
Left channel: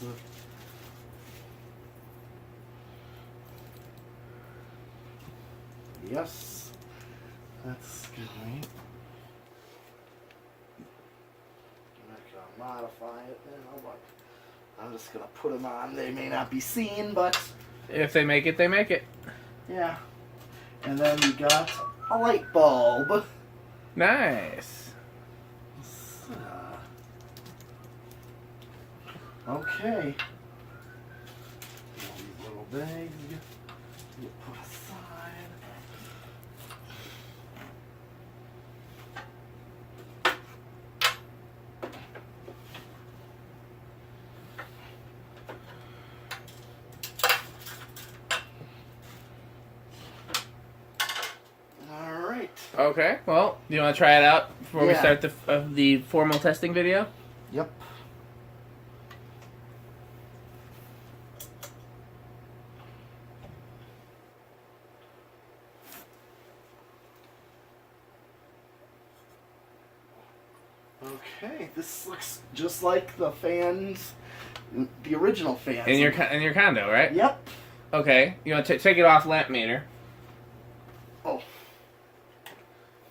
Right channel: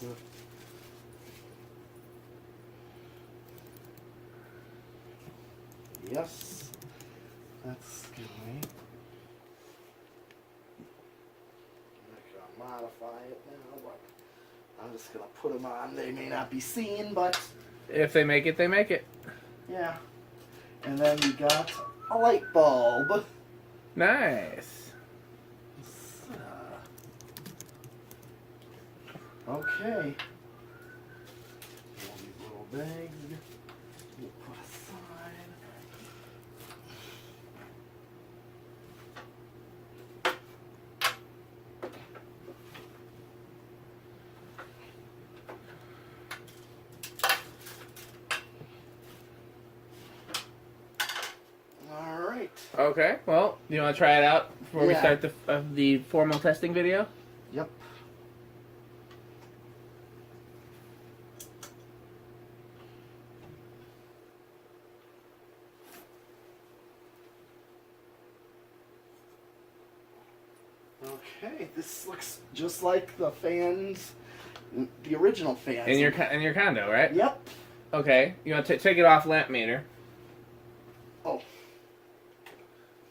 yes, that's good, right? I'm not gonna modify it now, but I'm just gonna put them on. They may not be seen, but If they make it, they make it. yeah. And then we got a light bulb. Nice. Okay. All these little bags we'll put aside. All right. Okay. Well, do you want to try it out before we Yeah. start the formal testing video? Yep. Okay, this looks just like the fans, the original fans. In your condo, right? Yep. Okay. You want to take it off lamp meter, Oh,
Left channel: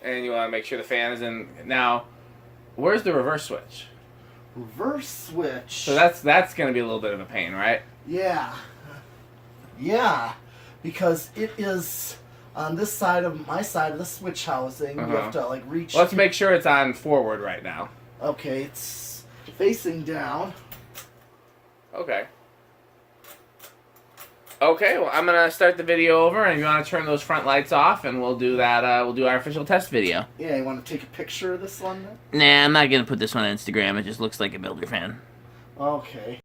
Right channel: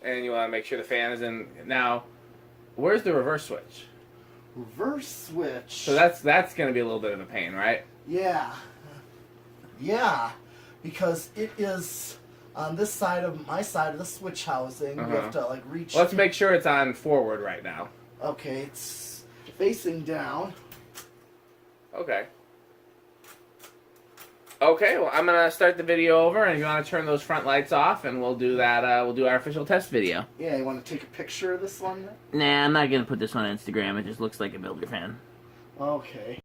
and you want to make sure the fan is in. Now, where's the reverse switch? reverse switch. So that's going to be a little bit of a pain, right? Yeah. Yeah, because it is on this side of my side of the switch housing. You have to like reach. Let's make sure it's on forward right now. Okay, it's facing down. Okay. Okay, well, I'm gonna start the video over, and if you want to turn those front lights off, and we'll do that. We'll do our official test video. Yeah, you want to take a picture of this one then? Nah, I'm not gonna put this on Instagram. It just looks like a builder fan. Okay.